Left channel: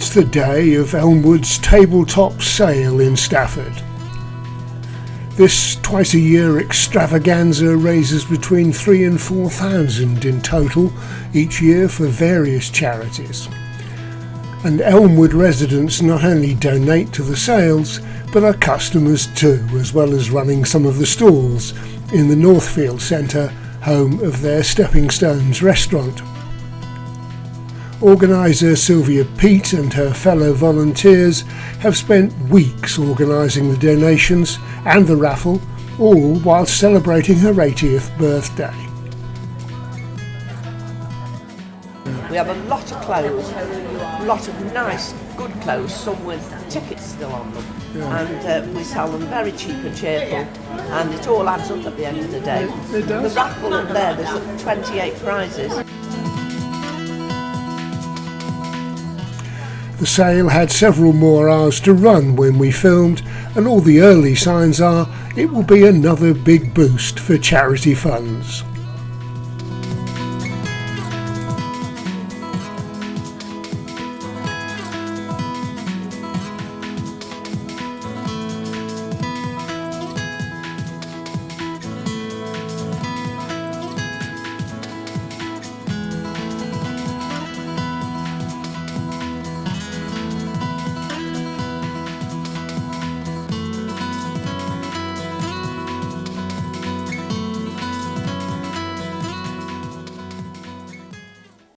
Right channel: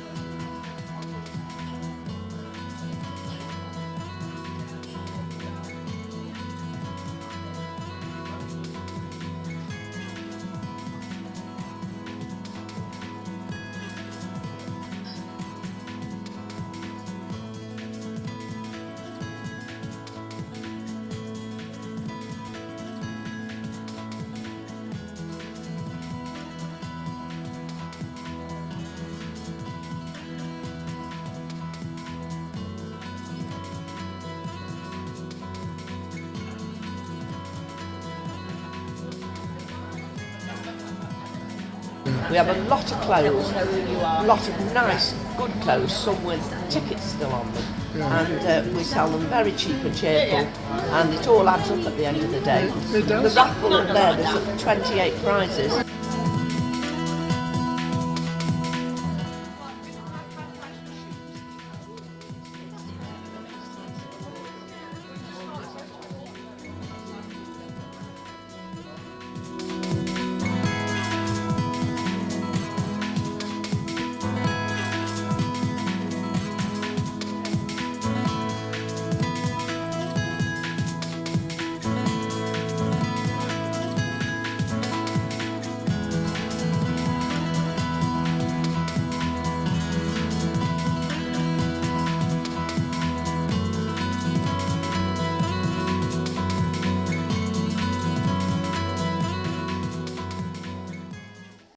It's the day of Elmwood's tabletop sale in Stafford. This twice-a-year extravaganza raises between £3,000 and £4,000 in total each year for various charities. And Elmwood residents not only donate to the sales, but are customers too, as well as running some of the stalls in the Northfield Centre, home of their Stepping Stones restaurant. Organiser Sylvia Peat and her fellow volunteers have spent weeks organising the donations and the raffle, all while celebrating her 80th birthday. We have a lot of clothes, a lot of nice, good clothes, some with tickets still on them. Yeah. And we sell them very cheap and cheerful, and it all adds up at the end of the day. It does. The raffle up there's 28 prizes. The sale had several more hours to run when we filmed, and all the early signs are it will be another big boost for charity funds.